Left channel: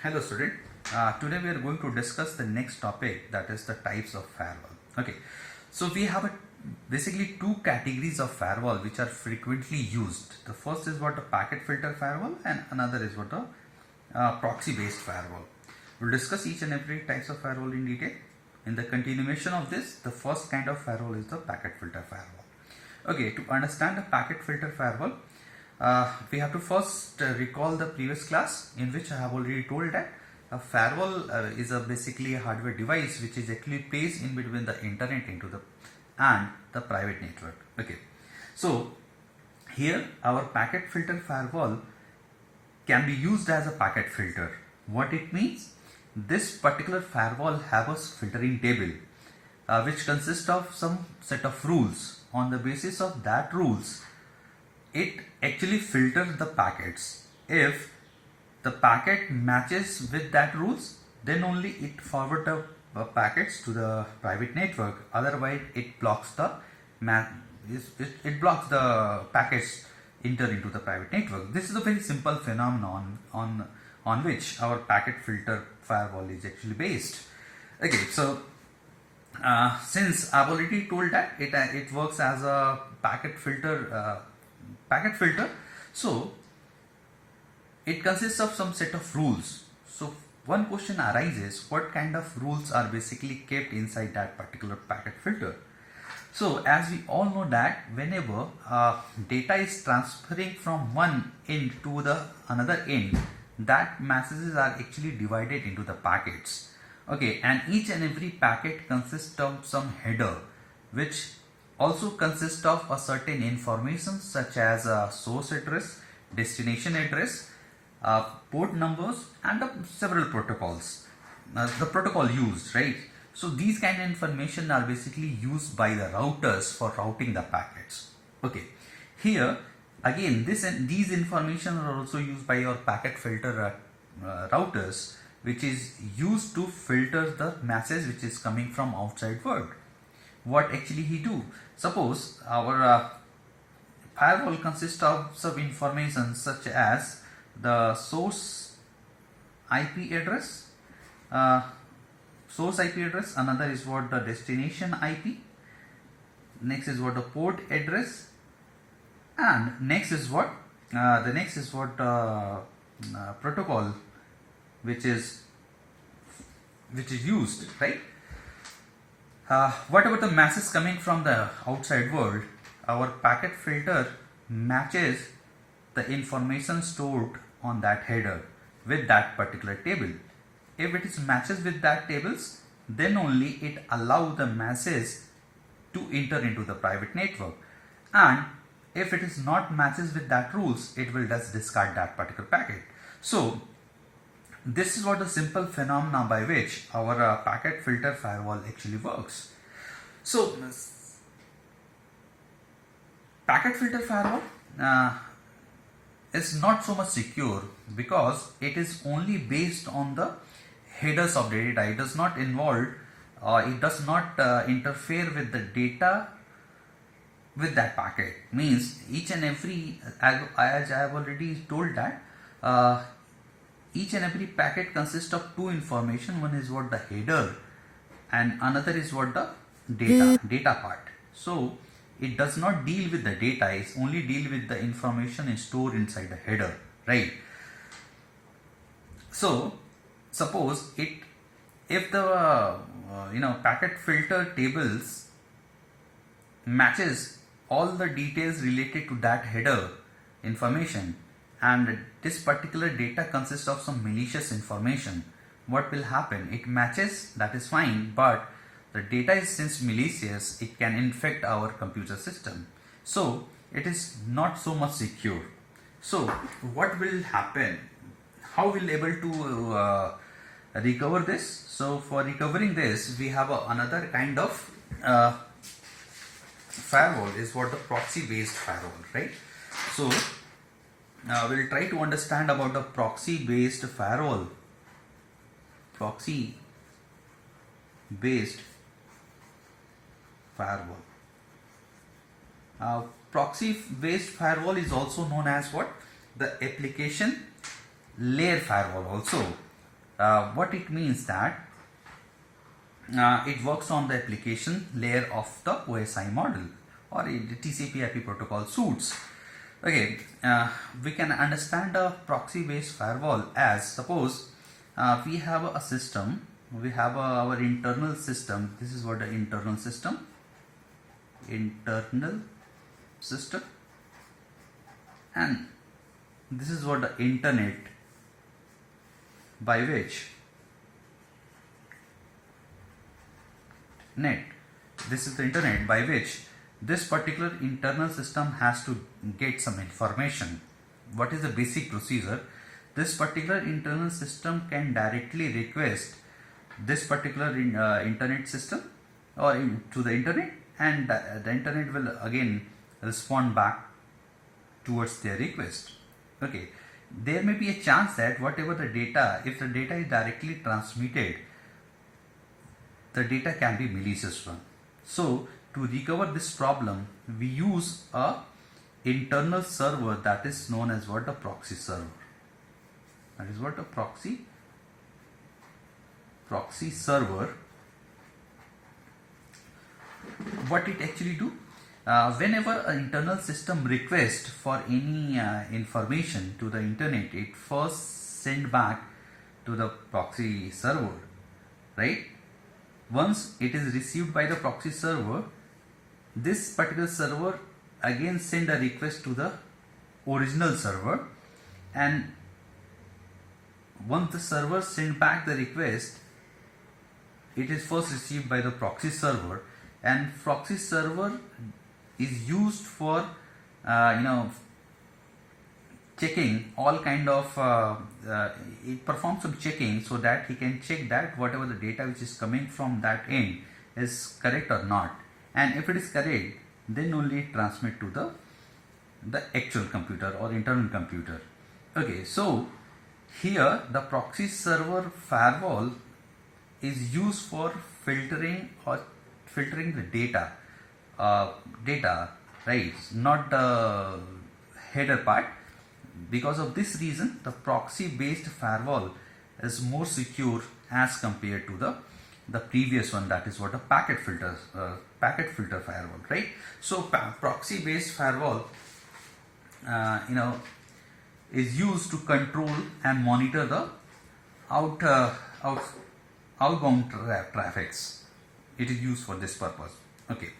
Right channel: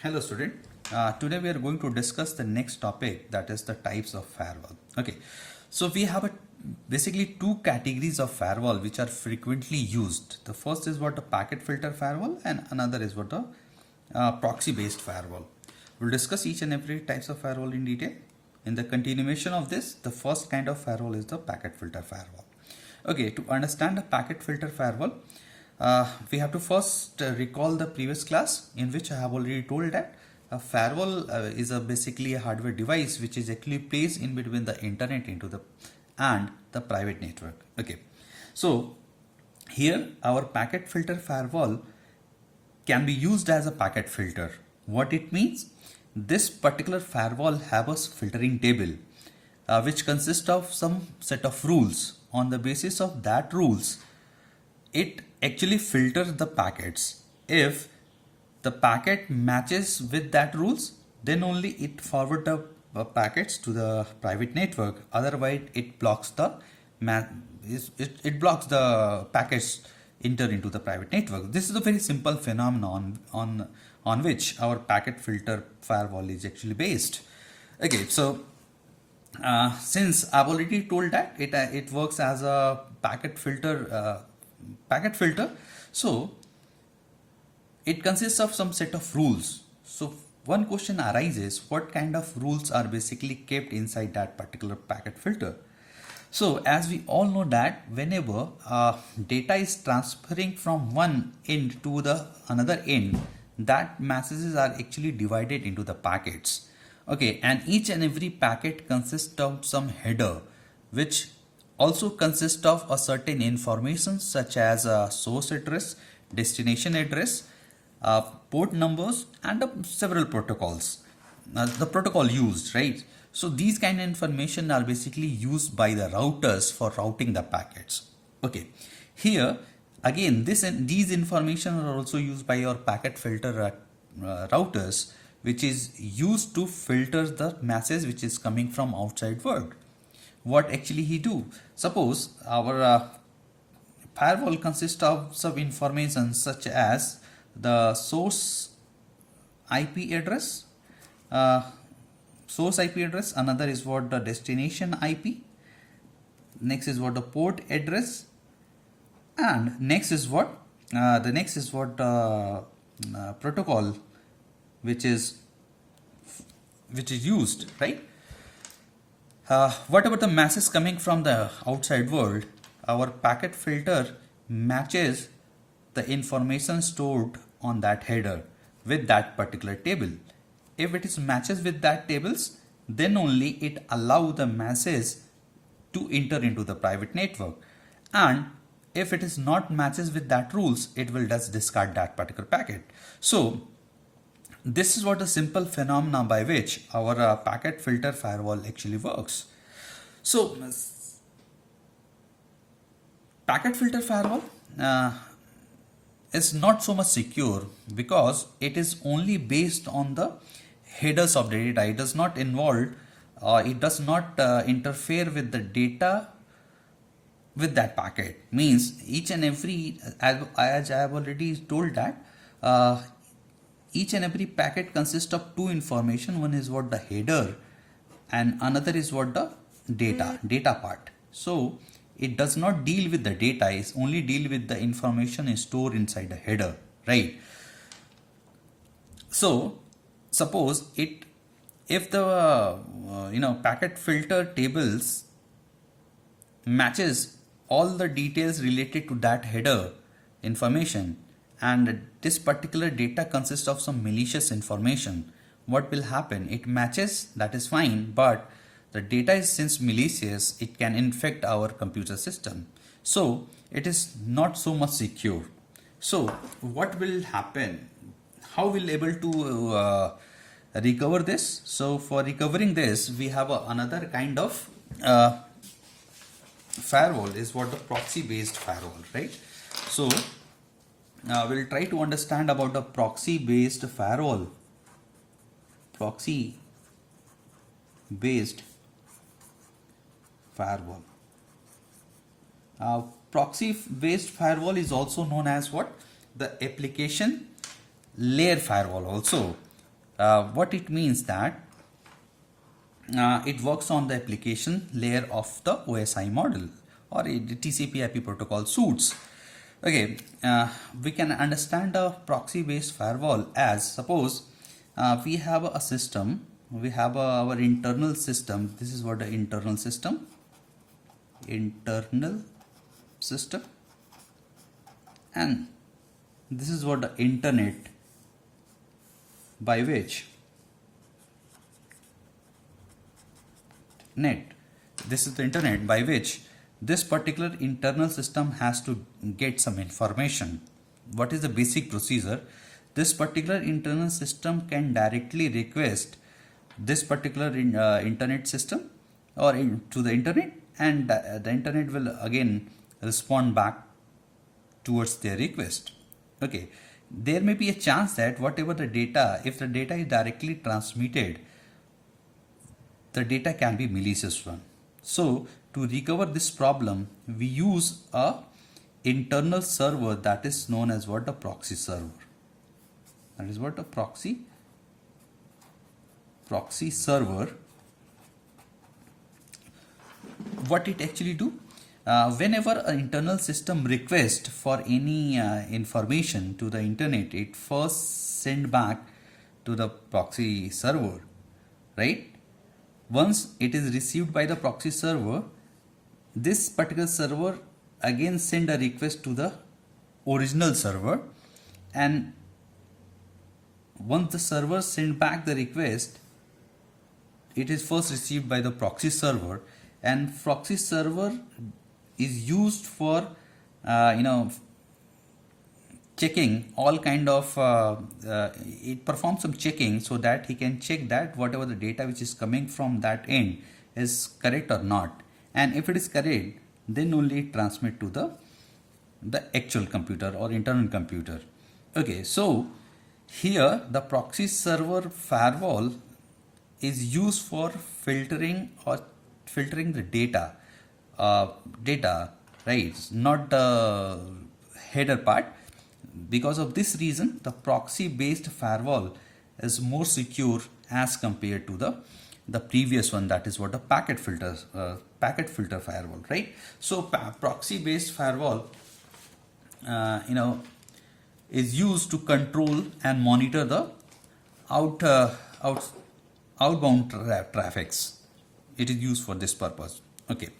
Hello student. Today we are going to discuss the next topic, that is the types of firewall. Okay, so we have basically two categories of firewall which are frequently used. The first is what a packet filter firewall and another is what a proxy based firewall. We'll discuss each and every types of firewall in detail. In the continuation of this, the first kind of firewall is the packet filter firewall. Okay, to understand a packet filter firewall, we have to first recall the previous class in which I have already told that a firewall is basically a hardware device which is actually placed in between the internet and the private network. Okay, so here our packet filter firewall can be used as a packet filter. What it means? This particular firewall have a filtering table which consists of some set of rules. On the basis of that rules, it actually filters the packets. If the packet matches with that rules, then only it forward the packets to the private network. Otherwise, it blocks the packets enter into the private network. This is a very simple phenomenon on which our packet filter firewall is actually based. Okay, so since I've already told that it works as a packet filter, so it consists of some set of rules. So one question arises: what kind of rules are basically kept inside that particular packet filter? So as we all know that whenever data is transferring from one end to the another end, that messages are actually divided into the packets. Okay, and each and every packet consists of some header which also consists of a certain information such as a source address, destination address, port numbers, and several protocols. The protocol used, right? So these kind of information are basically used by the routers for routing the packets. Okay, here again these information are also used by your packet filter routers, which is used to filter the message which is coming from outside world. What actually he do? Suppose our firewall consists of some information such as the source IP address, another is what the destination IP, next is what the port address, and next is what protocol which is used, right? What about the message coming from the outside world? Our packet filter matches the information stored on that header with that particular table. If it is matches with that tables, then only it allow the message to enter into the private network. And if it is not matches with that rules, it will just discard that particular packet. So this is what the simple phenomena by which our packet filter firewall actually works. So packet filter firewall is not so much secure because it is only based on the headers of the data. It does not involve, it does not interfere with the data with that packet. Means each and every, as I have already told that each and every packet consists of two information. One is what the header and another is what the data part. So it does not deal with the data, it only deal with the information stored inside the header, right? So suppose if the packet filter tables matches all the details related to that header information, and this particular data consists of some malicious information, what will happen? It matches, that is fine, but the data is since malicious, it can infect our computer system. So it is not so much secure. So what will happen? How will able to recover this? So for recovering this, we have another kind of firewall, is what the proxy based firewall, right? So we'll try to understand about the proxy based firewall. Proxy based firewall. Proxy based firewall is also known as what? The application layer firewall also. What it means that it works on the application layer of the OSI model or the TCP/IP protocol suites. Okay, we can understand a proxy-based firewall as, suppose we have a system, we have our internal system. This is what the internal system, and this is what the internet by which this is the internet by which this particular internal system has to get some information. What is the basic procedure? This particular internal system can directly request this particular internet system or to the internet, and the internet will again respond back towards their request. Okay, there may be a chance that whatever the data, if the data is directly transmitted, the data can be malicious one. So to recover this problem, we use a internal server that is known as what? A proxy server. That is what? A proxy server. What it actually do? Whenever an internal system requests for any information to the internet, it first send back to the proxy server, right? Once it is received by the proxy server, this particular server again send a request to the original server, and once the server send back the request, it is first received by the proxy server, and proxy server is used for checking all kind of it performs some checking so that he can check that whatever the data which is coming from that end is correct or not, and if it is correct, then only it transmit to the actual computer or internal computer. Okay, so here the proxy server firewall is used for filtering the data, right, not the header part. Because of this reason, the proxy based firewall is more secure as compared to the previous one, that is what a packet filter firewall, right? So proxy based firewall is used to control and monitor the outbound traffics. It is used for this purpose. Okay.